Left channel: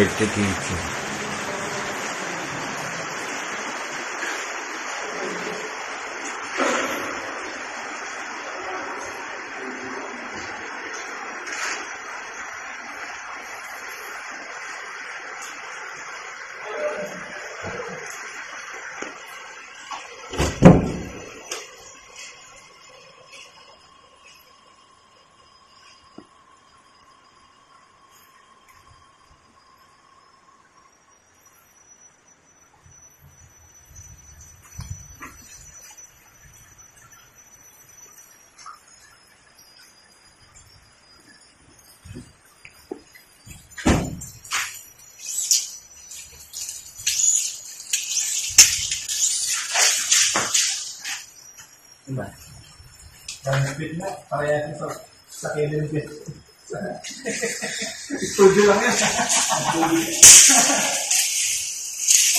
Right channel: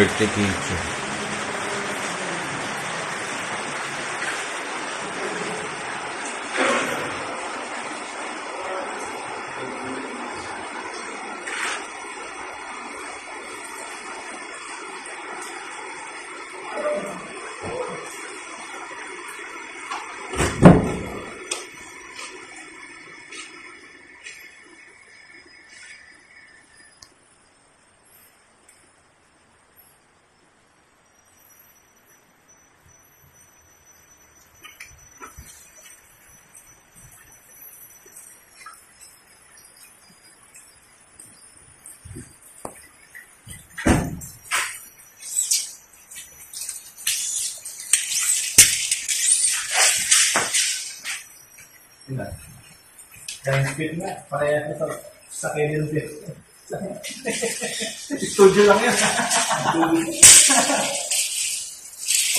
birthday cake. Diba? Ang speed na, parehas na sa Kevin Fit. Studio lang yan.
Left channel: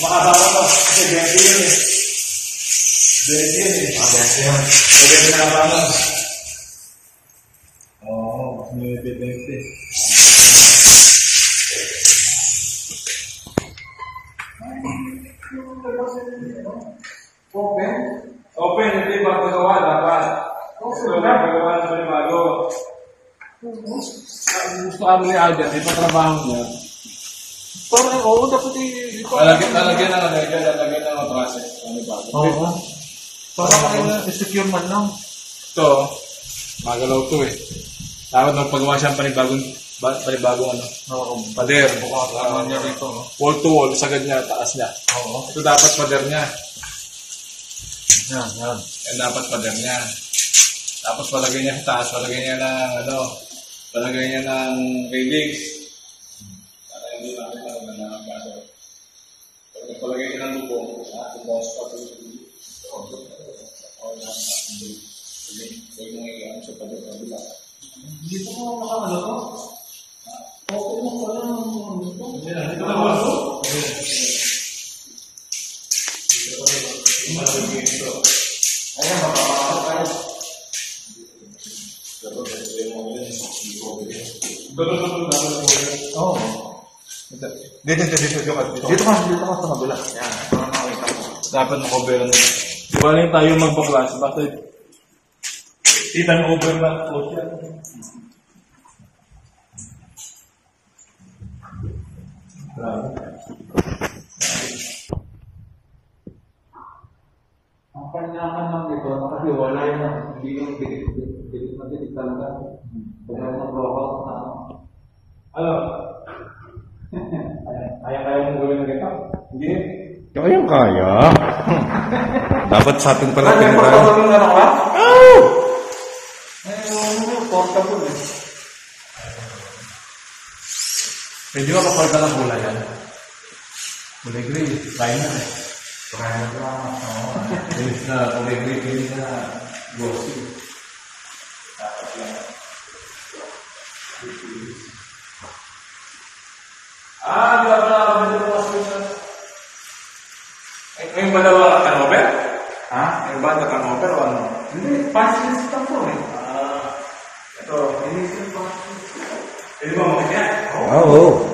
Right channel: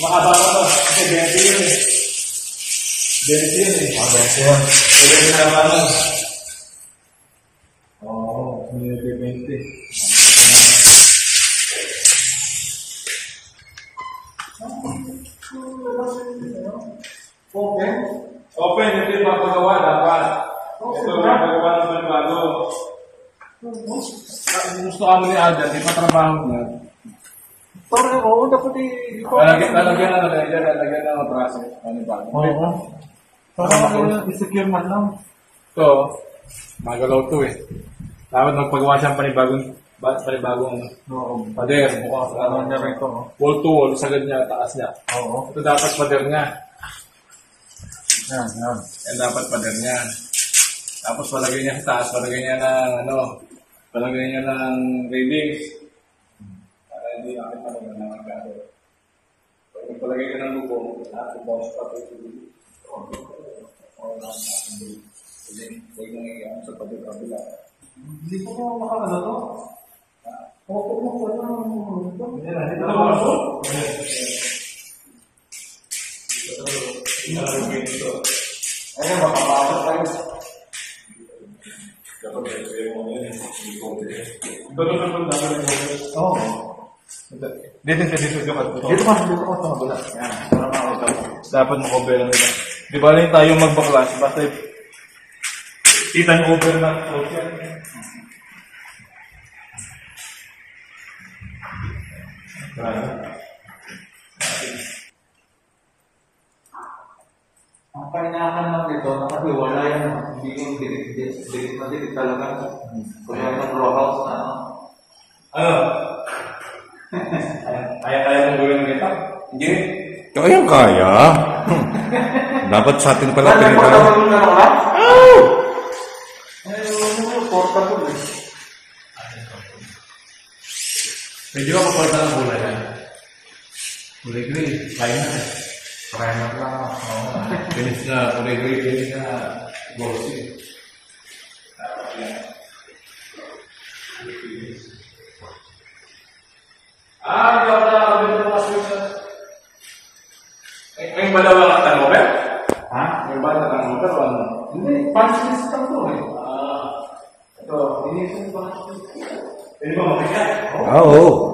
Makababa to, kasi 20 yun eh. 20 yun eh. 20 yun. Pwede ginagawa mo. Oo, 20. Open? Open, yung pinapagawa dapat. Ito yung pinapagawa ng panibago. Gusto ka mo ni Alden, ipatrabaho mo niya. Parang, oo, dapat lalagyan ng otrase. Panibago. Oo. Parang secure man lang. Ito, magalaw ito eh. Dapat magpagawa siya ng panibagong ano. Oo. Pader. Mukhang niya rin ito. Wall to wall, sagad niya, taas niya. Oo. Ito dapat pader niya. Yan. Yan dapat pader niya. Tapos palagay niya sa taas, palagay niya ng railings. Para hindi namin palagay ng gaso. Pag palagay ka ng lubong, natin bounce pa ito. Huwag mong iyan sa kabila. Hindi po ko makamala to. Okay mo ko lang. Hindi ko naman ito. Ayan, mapapasok kayo. Oo. Dito ka sa kabila. Yan. Dapat mag-cover lang nila. Di ba rin tayo magbaklas? Basta kita nyo over na close yan. Ang kanyakan lang dito, nakahiwala yan. Hindi yung dikit talaga. Kung yung row house na ano. Ano? Kaya mong gawin ng kita? Hindi. Ayun kaya. Dapat sa atin pala pinagkaya. Oh! Ayun, portable eh. Pwede ba paporta ng bola yan? Kulay gray, kaya na. Kaya na lang. Pinis na, kulay gray, pinis na. Glossy. Dapat yan. Yung balawa kanover? Ha? Yung bata kanover o ano? Hindi, pansilis ito po eh. Ito, inisip pa. Pwede ba makikyan? Oo.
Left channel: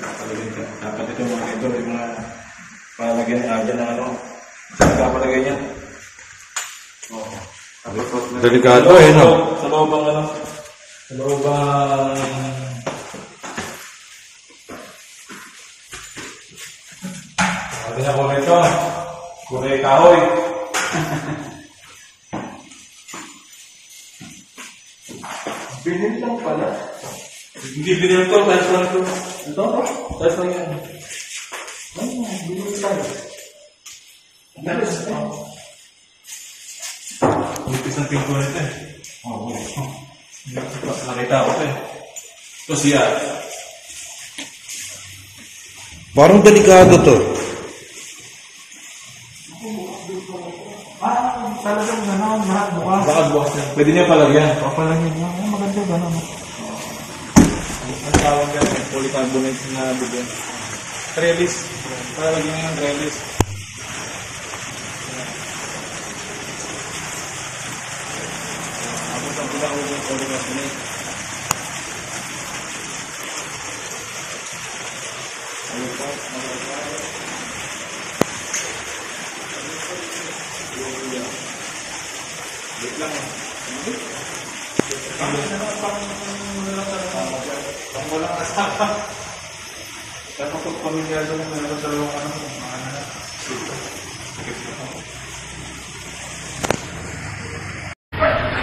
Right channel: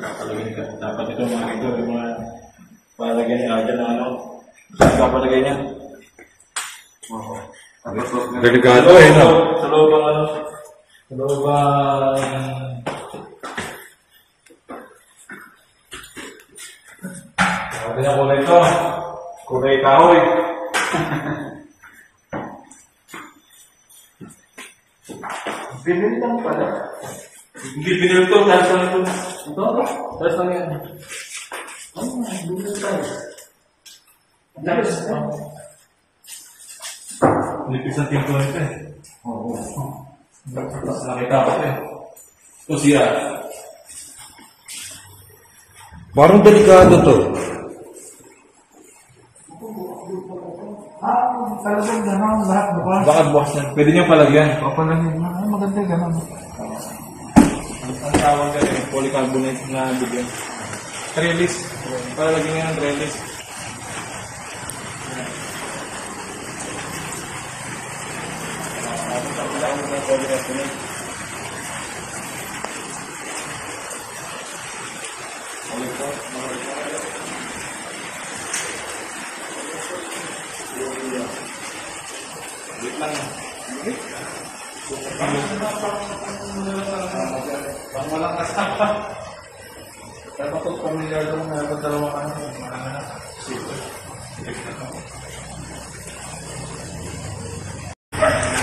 Nakalagay ka. Dapat ito yung mga palagay niya dyan na ano. Saan ka palagay niya? Oo. Delikado eh, no? Sa loob ang ano? Sa loob ang... Sabi niya ko ito. Kulay kahoy. Binili lang pala. Hindi binili ito. Taas lang ito. Ito? Taas lang yan. Oo, binili tayo. Tapos ito. Nipis ang pinto nito eh. Oo. Nakita ko ito eh. Ito siya. Parang delikado to. Talagang gano'n, lahat bukas. Bakit bukas yan? Pwede niyo palagyan. Papalagyan niyo. Maganda gano'n. Ang tawag yan, polycarbonate na bigyan. Trellis. Palagyan niyo ng trellis. Walang kasama. Kaya kapag pamilyar doon, mayroon dalawang mga anak.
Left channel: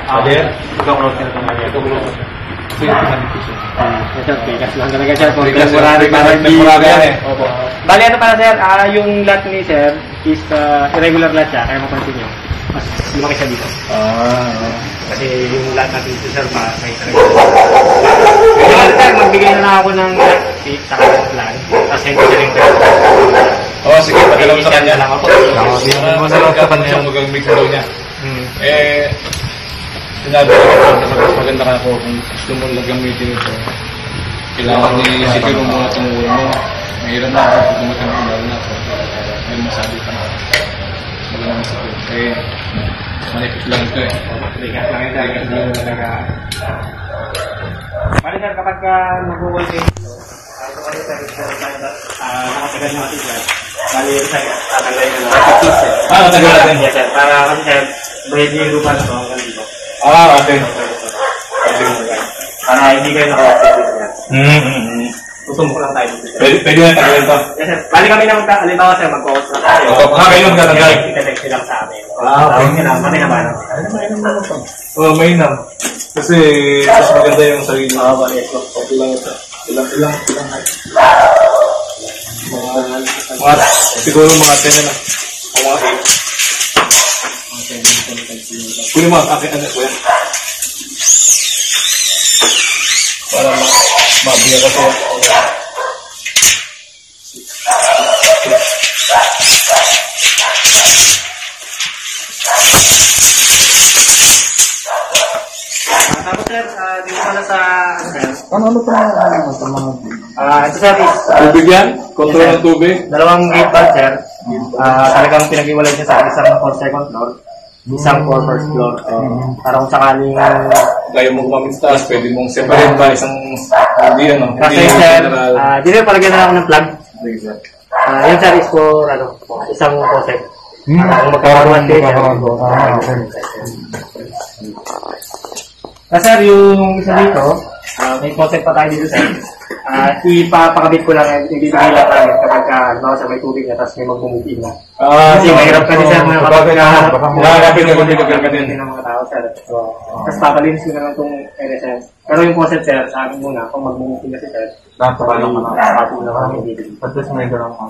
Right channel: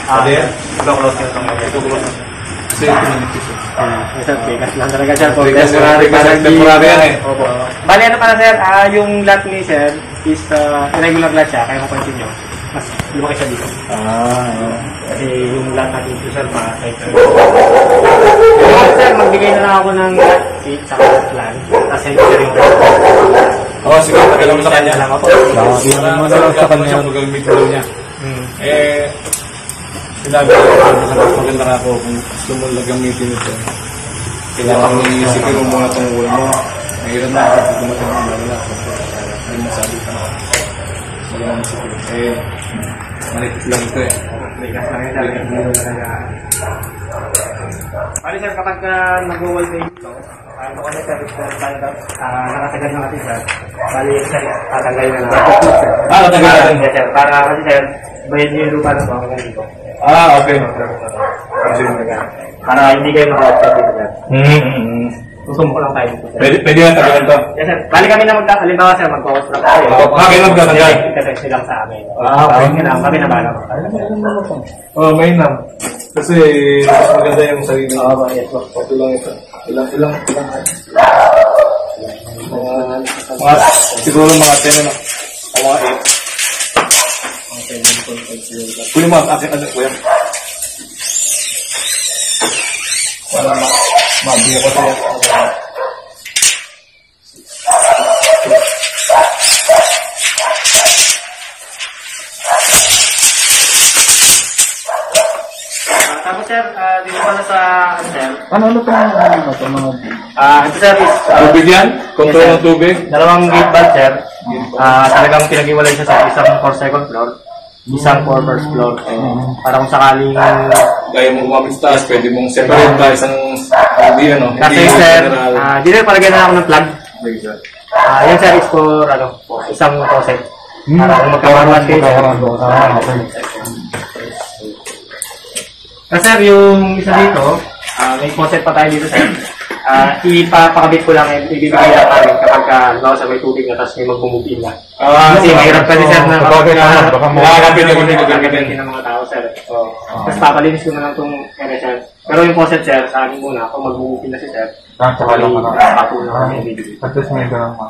Ade? Ito-close ka na itong lagay. Ito-close. Safety naman ito siya. Sir, bigas lang talaga siya. So, Bigas, temporary para temporary yan eh. Opo. Bali, ano pala sir, yung lot ni sir is irregular lot siya. Kaya mapansin nyo, mas lumaki siya dito. Kasi yung lot natin dito sir, may kaya sir, magbigay na lang ako ng sheet sa current plan. Tapos hindi siya yung pwede. Oo, sige, padala mo sa kanya. Lang ako. Para masalagkatan mo siya kung gagamit daw niya. Sinabi ko sa mas maganda ka ako kung gusto mo gagamitin ito. Kailangan i-secure mo muna itong ulam mo. Mahirap na ako pag dumating ang ulam na. May masabi ka na. Magandang secure. Malipit lang ito eh. Bigas lang yun sir. Hindi ko talaga. Bali sir, kapag nag-wall kayo dito, ito kasi sir, nakatagal natin sir. Bali sir, tatanggalin na natin. Tatanggalin natin? Yes sir, para kasi sir, bayad niyo yung lupa na ito hanggang dito. Okay. Para hindi kayo naka-offset dito sir. Tutumbok lang tayo dito sir. Pwede na tagalan ito? Yes sir, bali kami na halimbawa sir, mag-construct tayo. Kayo lang tatanggal? Ika-text lang sa amin. Okay na, kami na ba naman? Mainam. Kasi mas maganda yung sarili. Yes, Okay lang ito. Ilang. Siguro mga 10 na. O mga 8. Kuya mo, akin ano kuya? Para mabiya ka siya. Tapos sir, dito pala sa sir. Ano pa naman ito mga... Ito sir is... Tubig yan? Kontrol ng tubig? Dalawang gate valve sir. Talagang pinag-iwalay siya sa isang for second floor, isang for first floor. Para kung sakaling... Kaya mo gumamit sa taas, pwede mong separate ba isang... Hindi ano? Kasi sir, dito palagyan na ako ng plug. Hindi. Yung sir is for isang faucet. Para kung magkakaroon kayo sir. Kasi sir, yung isa dito, may faucet pa tayo dito sir. Ipapakabit ko lang, ibibigay lang namin kapag halimbawa sa may tubig na tapos may mag-move in na. Kasi mahirap pa din sir kapag nakakapit ng mga tao sir. Tapos papalinis ko na lang itong NSN. Pero yung faucet sir, sa amin muna, kung mag-move in na si sir, papo na kami ibibigay. At least may ganun ka.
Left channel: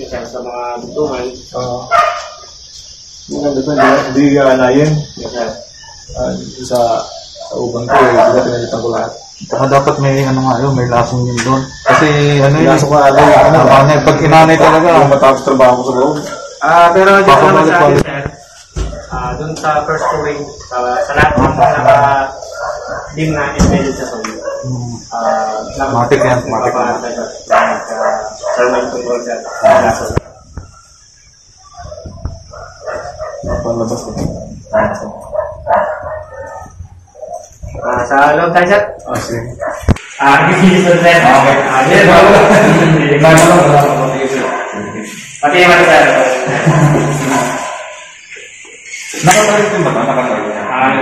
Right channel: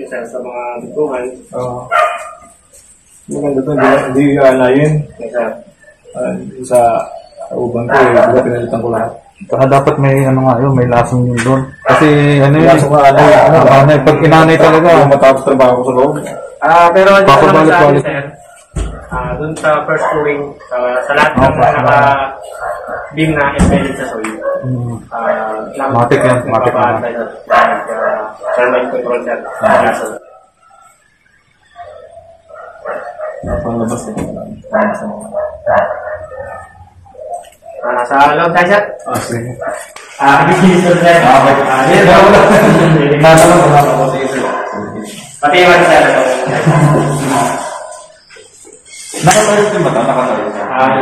Yung sir, sa mga buntungan. Maganda ito, hindi anayin. Yes sir. Sa uban ko, hindi pinalitan ko lahat. Saka dapat may may lasong yun doon. Kasi laso ka pag inanay talaga. Yung matapos trabaho ko sa loob. Pero dito naman sa akin sir, doon sa first wing, sa lahat ng naka-beam na embedded sa soil. Matik yan, matik yan. Thermal control sir. Napalabas ko. Sa loob tayo sir? Sige. Dito sir. Okay. Pati naman sir. Nakatalit din ba ito? Nakatalit.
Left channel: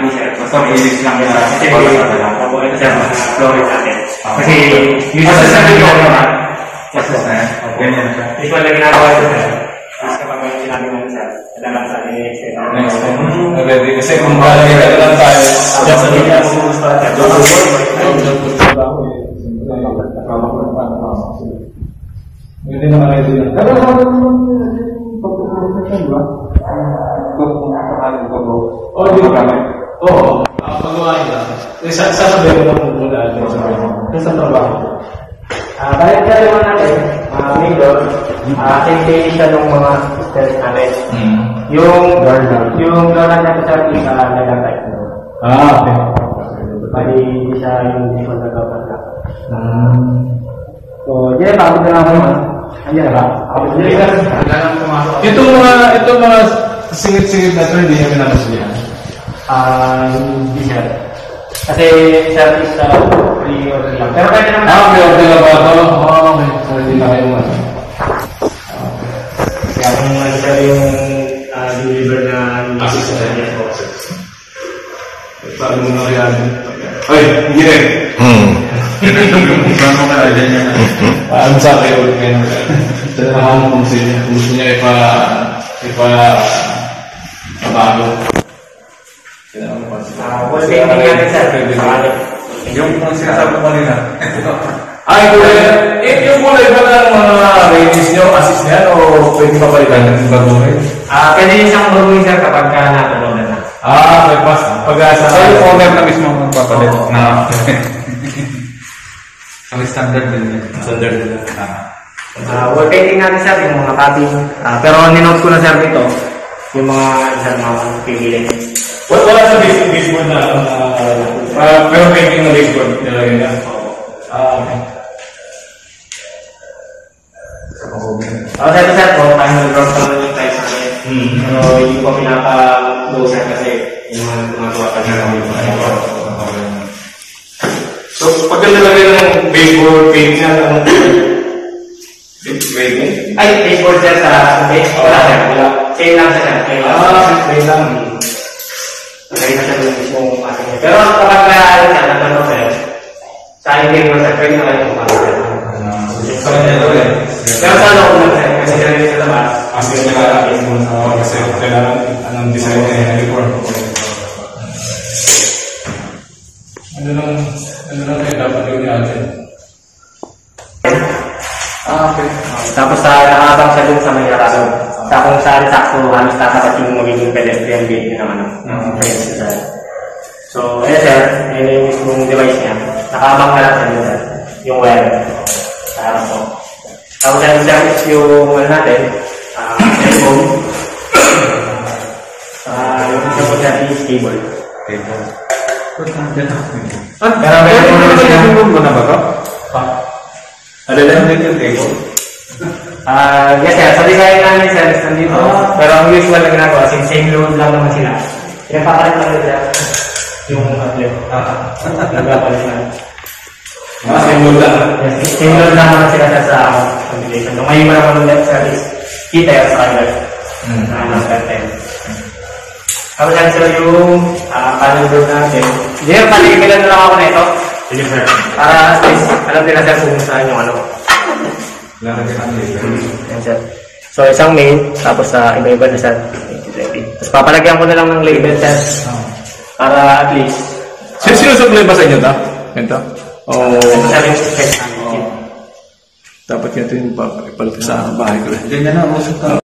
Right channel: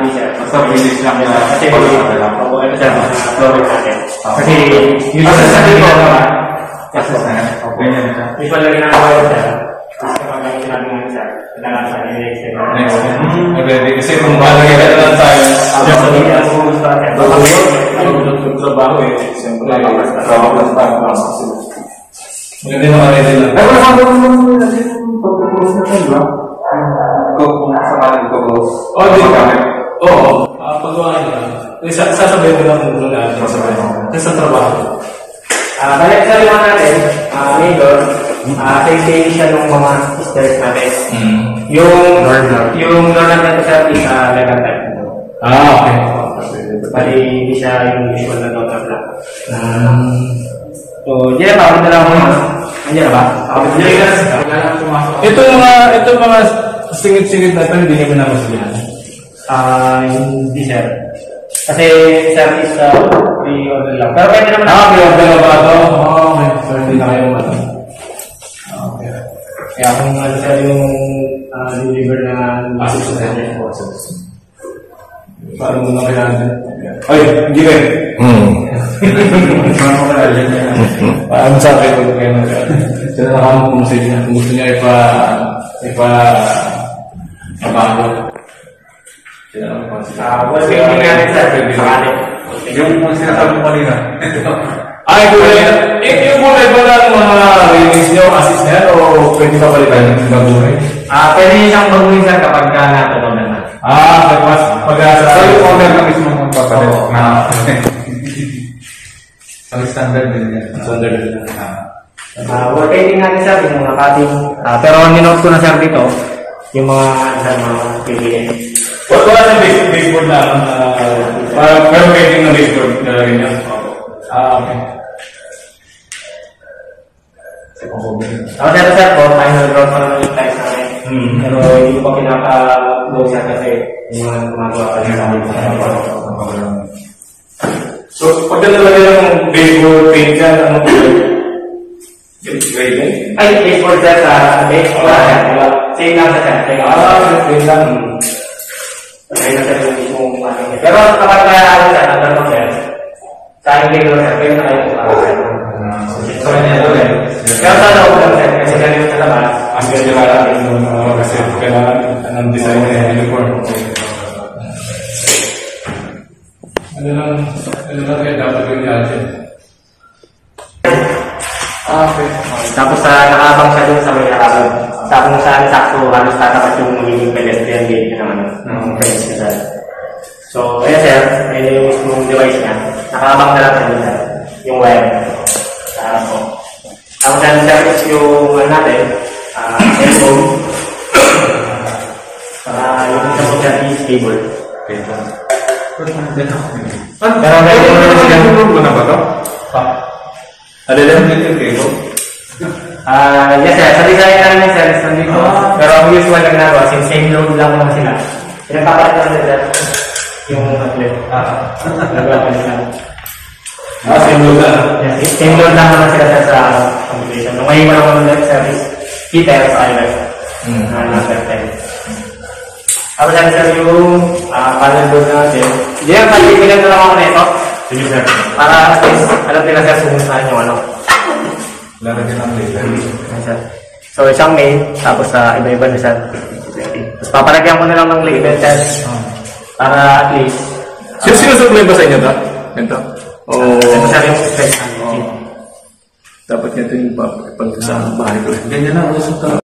Hindi sir. Basta bilis lang yan. Kasi ito sir, flooring natin. Kasi usually sa dito, Tapos na yan. Ganyan siya. usually na ginagawa ko sir. Kapag sinabi namin sir, kailangan sa next step. Ready? Kasi kung malagay ka na lang tayo. Just hindi na sumulus pa natin. Trabaho eh. Siyempre, trabaho lang tayo. Maganda yung mga ready lang. Pero sabi mo naman yung pag-close na tayo, ba? Kung sakaling pag-close. Oo. Pagawa nyo lang. Sasabihin mo lang muna. Sasabihin mo. Kasi sa trabaho. Balik sa lima natin, neighbor, same siya ng mga stairs natin. Yung door natin sir is level type. Okay. Bali, hindi siya yung usual na door na. So, diyan na lang ako. Andiyan na ba? Ito mga singit-singit na ito, hindi namin namasilihan. Hindi sir. Kasi sir is pre-order lang. Pero pwede naman. Pre-order na ba ito? Okay. So, hindi na kayo ano. Okay. Kaya kung sir yung deliver na assist na yes po. Paano mo na kaya? Oy, hindi rin. Paano ka rin niya? Paano sa akin ulit kayo na kaya? Ito na naman kung gusto niya ipabago. What's the ending natin sir? Yung kung sinasabi mo kanina. Ay, yung kulay ba ng mga release niyo, assist niya, o pwede pa palitan ng gagawin? Pwede niyo siyang gawin sir kapag ka natulog na. Pag-asa. So, yung owner na mismo ng papalit. Ang standard din yan. Standard din yan. Wallpainting natin sir, yung mga cutting. Pero ninote ko na sir dito, yung mga pipilin. Wala sa baseboard na, pero painting na baseboard na rin yan. Okay. Dito sir po, tayo nag-drop ng price natin. Pero hindi ko pinapa-go sir kasi yung mga gumagawa ka na So, pag nalalagay ng baseboard paint yan, ano po? ay, baseboard sir sa base. Wala sir, wala. Chain lang sa sir. Chain lang. Ay, nasa yung mismong ating sir. Pero kapag ano sir, nagtanong sir, sa aking game sir, pwede na kayo kung sir. Pero sa loob mo sir, kasi meron sa labas. Kasi kailangan ng design na yan before. Ano lang kayo dapat gawin natin? Okay. Tapos nakaabang siya dun sa may harapan. Sa kung saan sakto, halos tatapat yung magiging pedestrian gate niya naman. So, ayan sir, ayun yung mismong device niya. Nakaabang na lang siya dun sir. Yung wire. Sa harap po. Tapos natin sir is yung natin, cellphone. Yung isa po sir is cable. Pero pwede mo naman sila. Ano na ba ito? Ano lang yung table? Yes sir, sa design namin sir is nandito. Pero ang usual na ginagawa, since same load lang naman sila. Pinapapalit lang nila yung outlet. Naglapan sila. Same load lang? Same load lang naman sila sir sa computation. Nung may naman ulit sir is heater sa pilot. Number 10. Tapos yan sir yung panel board natin. Hindi yan, paligilan mo lang ako nito. Sige sir. Para at least, alam nila sir kung saan yung ano. Meron din ang laser. Yan sir. So isang main, tapos iba-iba na sir. Tapos papalagyan ko na lang ng label sir. Para at least. Sinusupply ba sa inyo ito? Ito? Ito sir yung space namin. Dapat ito yung ipalagay sa bahay ko. Ganyan na, usap